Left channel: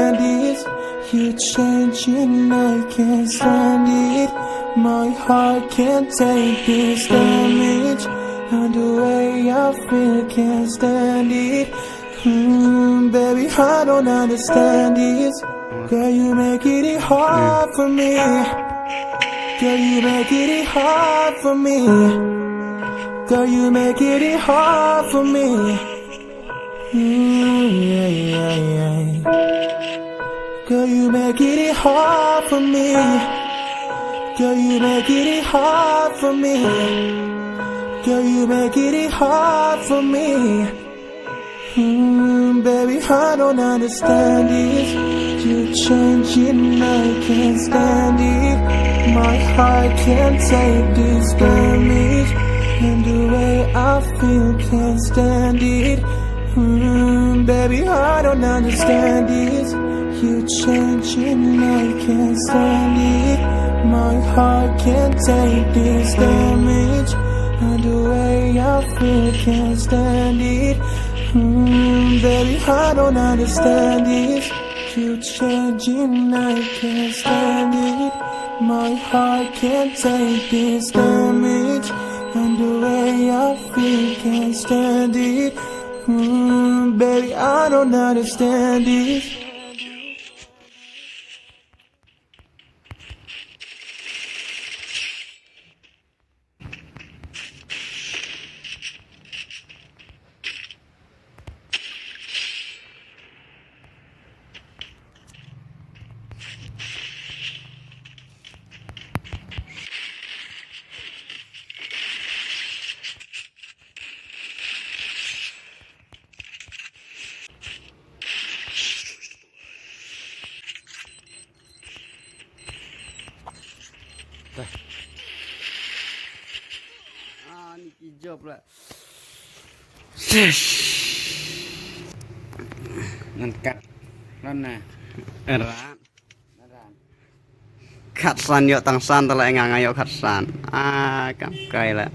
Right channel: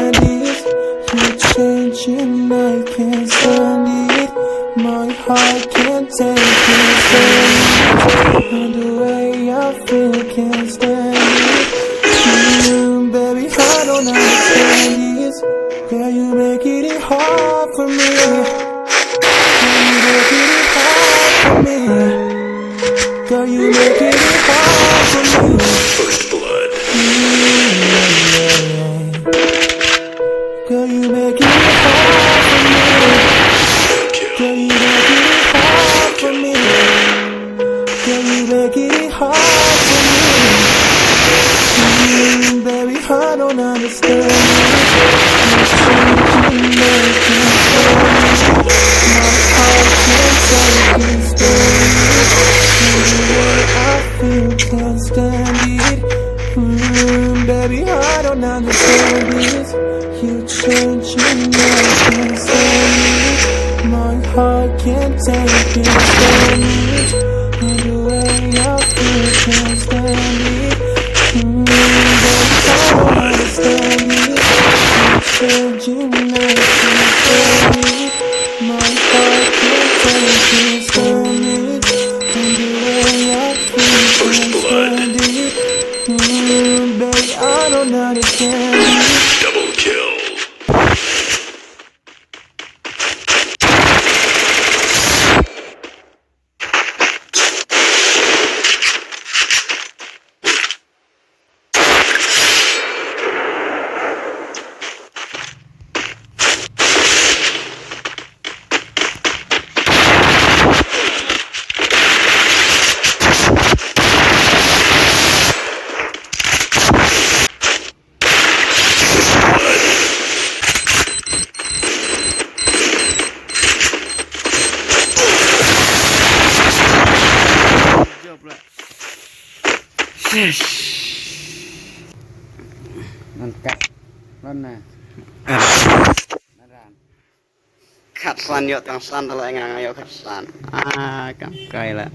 understand this. You're changing, I can't stand it. My heart can't take this damage. And the way I feel, can't stand it. Baby, I don't understand this. Girl, you make it hard for me. Girl, you make it hard for me. Girl, you make it hard for me. First blood. Girl, you make it hard for me. Girl, you make it hard for me. Girl, you make it hard for me. Baby, I don't understand it. You're changing, I can't stand it. My heart can't take this damage. And the way I feel, can't stand it. Baby, I don't understand this. You're changing, I can't stand it. My heart can't take this damage. And the way I feel, can't stand it. Baby, I don't understand it. You're changing, I can't stand it. My heart can't take this damage. And the way I feel, can't stand it. Baby, I don't understand it. Double kill. Nên cắt lên nè khát san nhựa tăng san ta lại ngang ngay khát san cắm cây lại